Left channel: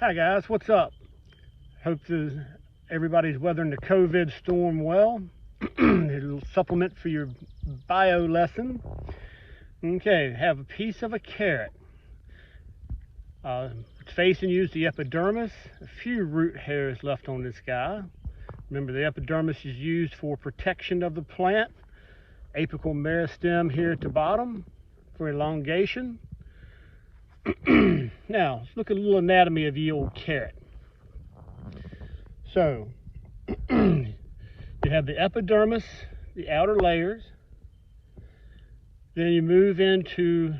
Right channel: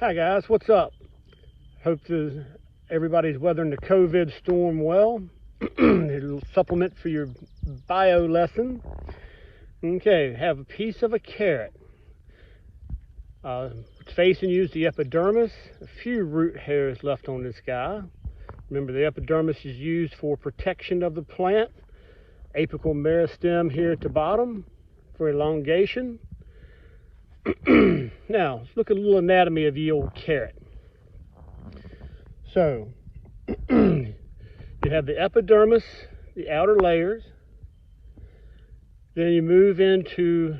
Hi guys, what's up? Hope everybody's weathering the COVID storm well. A little supplement for your bio lesson. Okay, have a piece of a carrot. It's facing you is the epidermis. A few root hairs left on this guy. Remember, the epidermis is used for protection of the plant. Apical meristem here at the bottom for elongation. Now, let's look at a little anatomy of the old carrot. So, you have the epidermis, the outer layers. Then you move into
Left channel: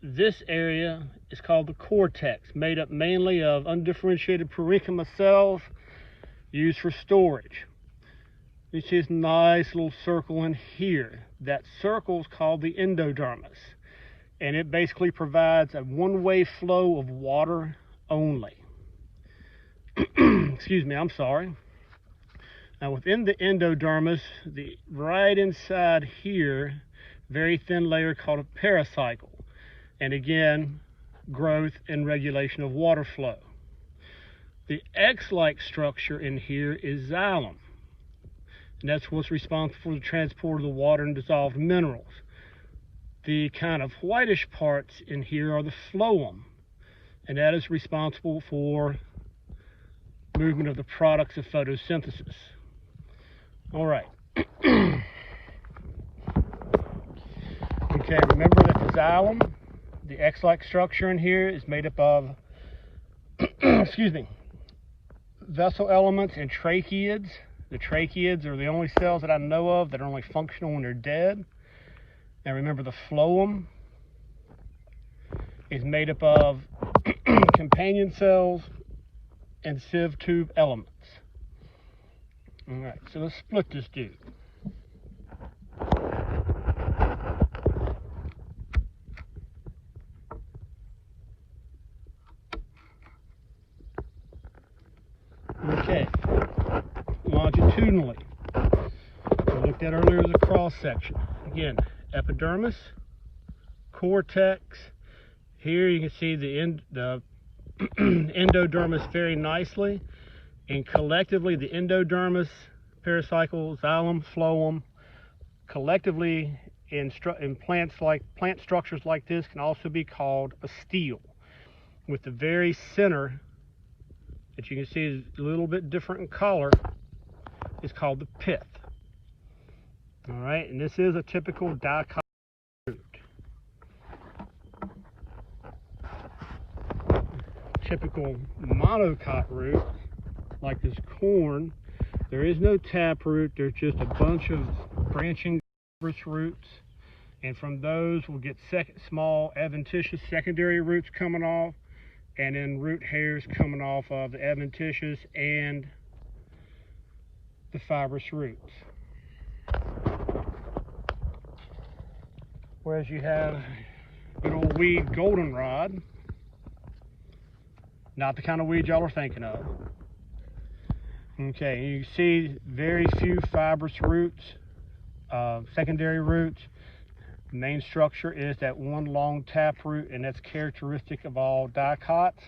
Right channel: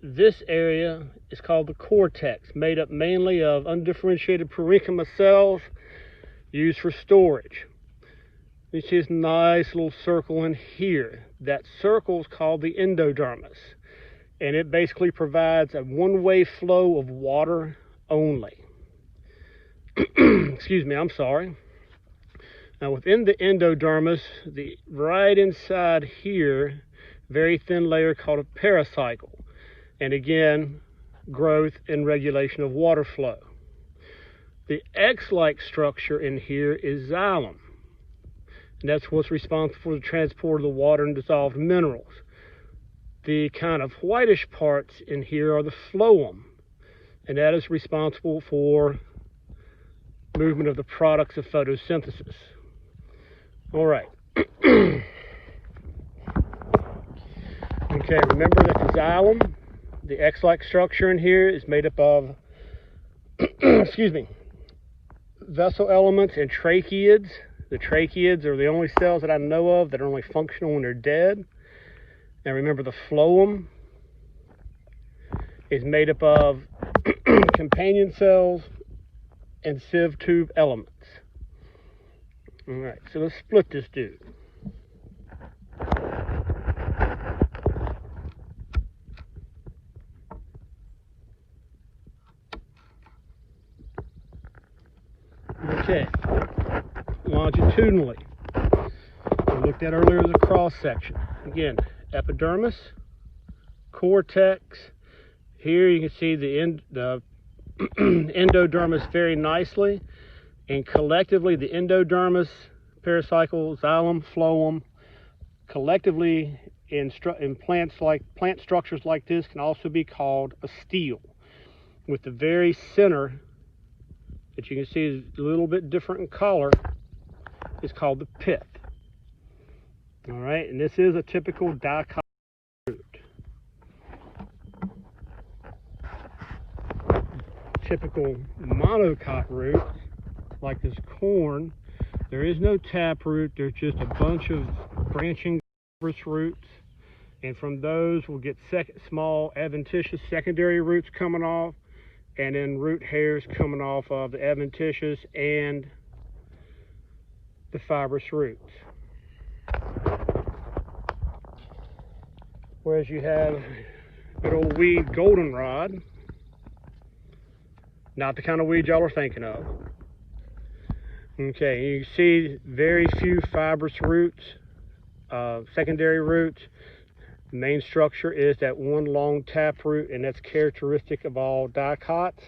this area. It's called the cortex, made up mainly of undifferentiated parenchyma cells used for storage. You see this nice little circle in here. That circle is called the endodermis, and it basically provides a one-way flow of water only. Excuse me, I'm sorry. Now within the endodermis, right inside here, very thin layer called a pericycle. And again, growth and regulation of water flow. The X-like structure in here is xylem. And that's what's responsible for the transport of the water and dissolved minerals. The kind of whitish parts in here are the phloem, and that is responsible for movement of the products of photosynthesis. All right. Okay, remember that the xylem, the X-like structure in here, is made up of excuse me, vessel elements and tracheids. The tracheids are the only cells that I know of that are only functional when they're dead. And remember, the phloem is made up of companion cells and sieve tube elements. All right, so let's split this dude. Okay, longitudinally, we looked at earlier as a cross section. Again, epidermis, cortex. Here you can see the endodermis very nicely, and collectively the endodermis, pericycle, xylem, phloem, collectively in plant structures like this can also be called a stele, with the very center that you can see is a little bit different in color is called the pith. All right, and this is a typical dicot root. Typical monocot root, like this corn, there is no taproot. There's just a bunch of branching roots, and from those we'll get small adventitious secondary roots coming off, and then root hairs coming off of the adventitious and the fibrous roots. Whereas you have good old weed goldenrod, not the kind of weed y'all are thinking of. Okay, you see very few fibrous roots, secondary roots. The main structure is that one long taproot, and that's characteristic of all dicots.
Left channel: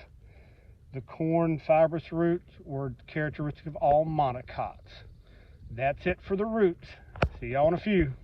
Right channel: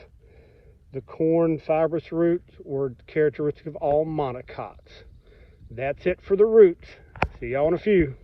The corn fibrous roots were characteristic of all monocots. That's it for the roots. See y'all in a few.